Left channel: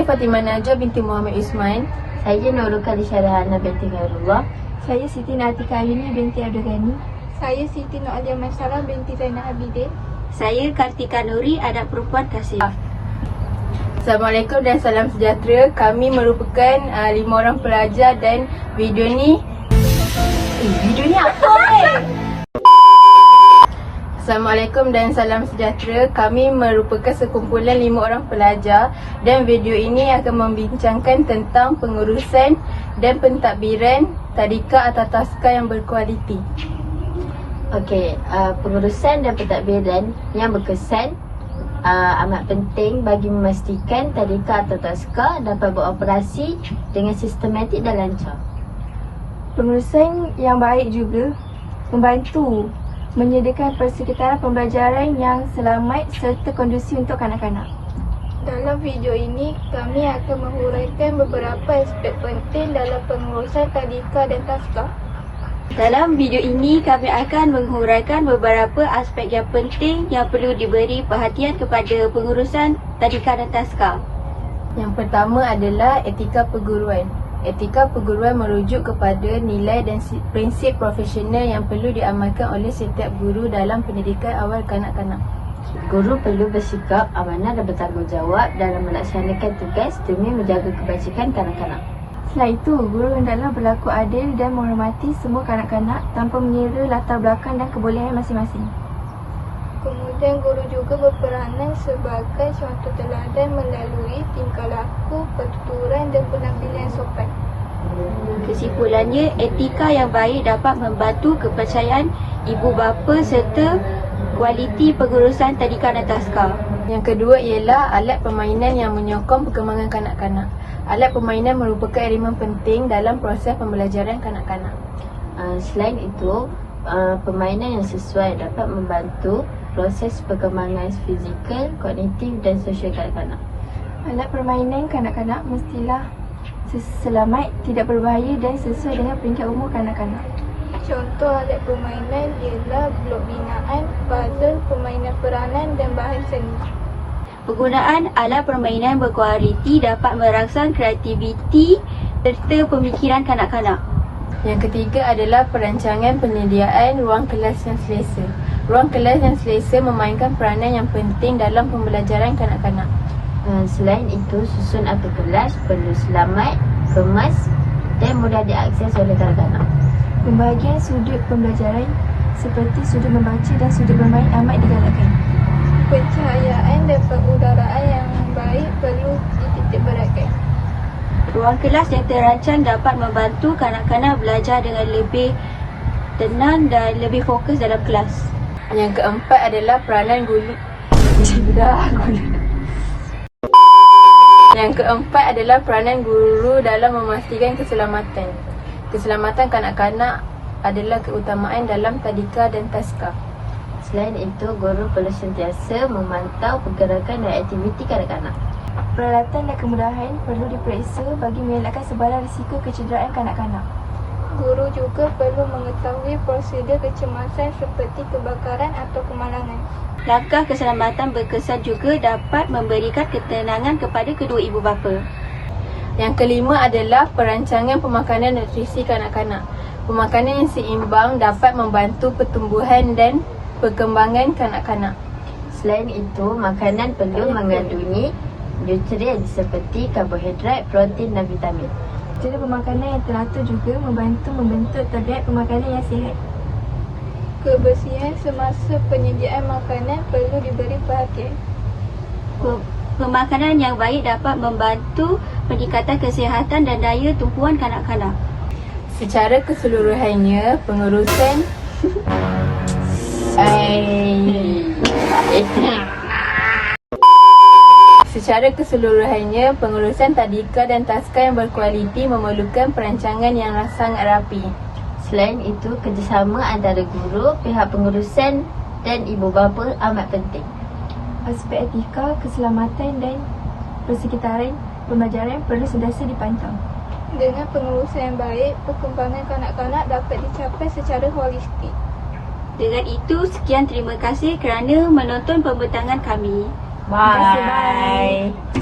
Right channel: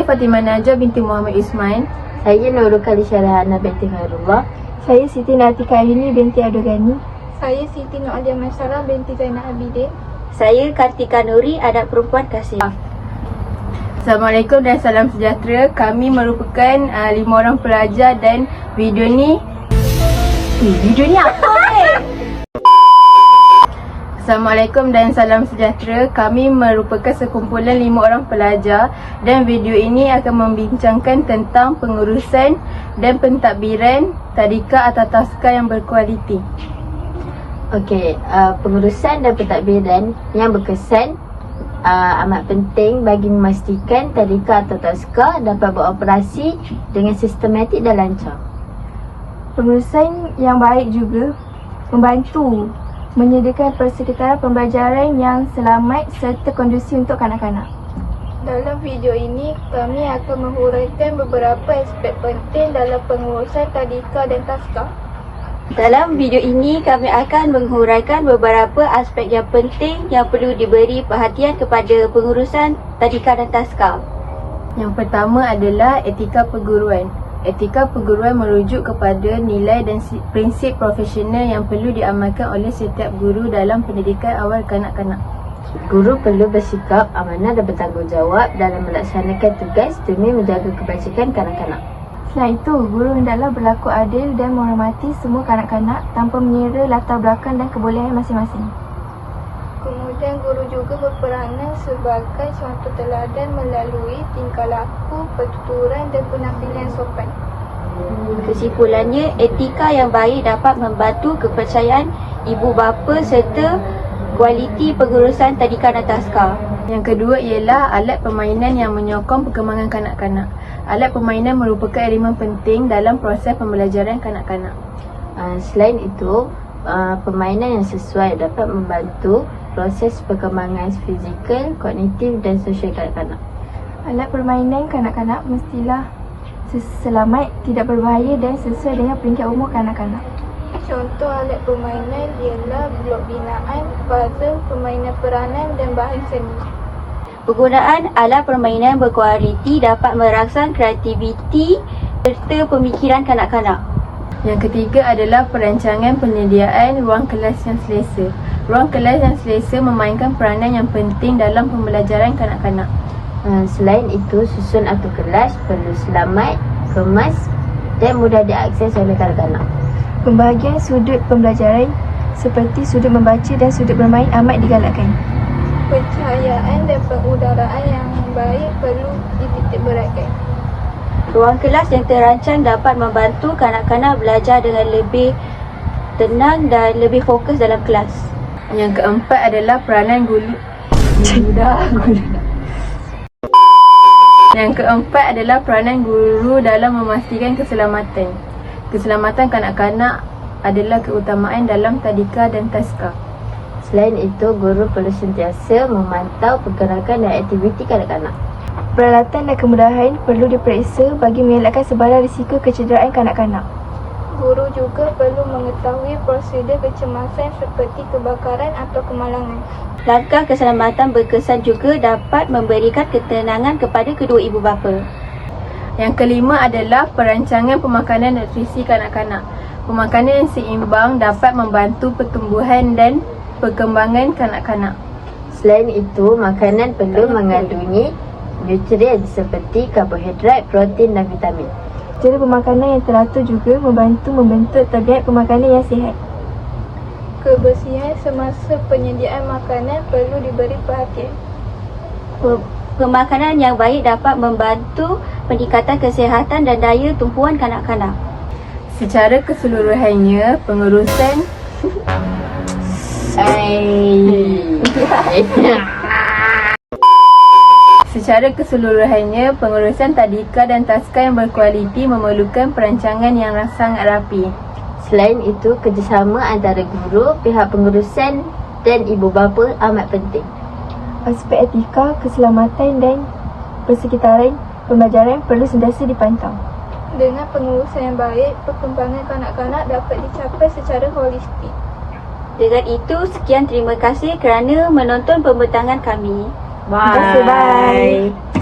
Saya Fatimah Najah binti Muhammad Ismail. Saya Nurul Khalisha Rahana binti Khairullah. Saya Siti Natika Ayuni binti Abdul. Saya Siti Nur Alia Maisarah binti Zainal Abidin. Saya Kartika Nuri, anak perempuan Tasir. Assalamualaikum dan salam sejahtera. Kami merupakan 5 orang pelajar dan video ni apa Assalamualaikum dan salam sejahtera. Kami merupakan sekumpulan 5 orang pelajar dan video ini akan membincangkan tentang pengurusan dan pentadbiran tadika atau taska yang berkualiti. Okey, pengurusan dan pentadbiran yang berkesan amat penting bagi memastikan tadika atau taska dapat beroperasi dengan sistematik dan lancar. Pengurusan yang baik juga membantu menyediakan persekitaran pembelajaran yang selamat serta kondusif untuk kanak-kanak. Dalam video ini, kami akan menghuraikan beberapa aspek penting dalam pengurusan tadika dan taska. Dalam video ini, kami akan menghuraikan beberapa aspek yang penting yang perlu diberi perhatian kepada pengurusan tadika dan taska. Yang pertama adalah etika perguruan. Etika perguruan merujuk kepada nilai dan prinsip profesional yang perlu diamalkan oleh setiap guru dalam pendidikan awal kanak-kanak. Guru perlu bersikap amanah dan bertanggungjawab dalam melaksanakan tugas demi menjaga kebajikan kanak-kanak. Selain itu, guru hendaklah berlaku adil dan menghormati semua kanak-kanak tanpa mengira latar belakang dan kebolehan masing-masing. Kemudian guru juga berperanan sebagai suatu teladan melalui tingkah laku, pertuturan dan penampilan sopan. Kesimpulannya, etika yang baik dapat membantu kepercayaan ibu bapa serta kualiti pengurusan tadika dan taska. Yang kedua ialah alat permainan yang menyokong perkembangan kanak-kanak. Alat permainan merupakan elemen penting dalam proses pembelajaran kanak-kanak. Selain itu, permainan yang sesuai dapat membantu proses perkembangan fizikal, kognitif dan sosial kanak-kanak. Alat permainan kanak-kanak mestilah selamat, tidak berbahaya dan sesuai dengan peringkat umur kanak-kanak. Contoh alat permainan ialah blok binaan, puzzle, permainan peranan dan bahan seni. Penggunaan alat permainan berkualiti dapat merangsang kreativiti serta pemikiran kanak-kanak. Yang ketiga adalah perancangan penyediaan ruang kelas yang selesa. Ruang kelas yang selesa memainkan peranan yang penting dalam pembelajaran kanak-kanak. Selain itu, susun atur kelas perlu selamat, kemas dan mudah diakses oleh kanak-kanak. Pembahagian sudut pembelajaran seperti sudut membaca dan sudut bermain amat digalakkan. Pencahayaan dan pengudaraan yang baik perlu dititikberatkan. Ruang kelas yang terancang dapat membantu kanak-kanak belajar dengan lebih tenang dan lebih fokus dalam kelas. Yang keempat adalah peranan guru. Yang keempat adalah peranan guru dalam memastikan keselamatan. Keselamatan kanak-kanak adalah keutamaan dalam tadika dan taska. Selain itu, guru perlu sentiasa memantau pergerakan dan aktiviti kanak-kanak. Peralatan dan kemudahan perlu diperiksa bagi mengelakkan sebarang risiko kecederaan kanak-kanak. Guru juga perlu mengetahui prosedur kecemasan seperti kebakaran atau kemalangan. Langkah keselamatan berkesan juga dapat memberikan ketenangan kepada kedua ibu bapa. Yang kelima adalah perancangan pemakanan nutrisi kanak-kanak. Pemakanan yang seimbang dapat membantu pertumbuhan dan perkembangan kanak-kanak. Selain itu, makanan perlu mengandungi nutrien seperti karbohidrat, protein dan vitamin. Cara pemakanan yang teratur juga membantu membentuk tabiat pemakanan yang sihat. Kebersihan semasa penyediaan makanan perlu diberi perhatian. Pemakanan yang baik dapat membantu peningkatan kesihatan dan daya tumpuan kanak-kanak. Secara keseluruhannya, pengurusan Secara keseluruhannya, pengurusan tadika dan taska yang berkualiti memerlukan perancangan yang sangat rapi. Selain itu, kerjasama antara guru, pihak pengurusan dan ibu bapa amat penting. Aspek etika, keselamatan dan persekitaran pembelajaran perlu sentiasa dipantau. Dengan pengurusan yang baik, perkembangan kanak-kanak dapat dicapai secara holistik. Dengan itu, sekian terima kasih kerana menonton pembentangan kami. Bye. Terima kasih, bye.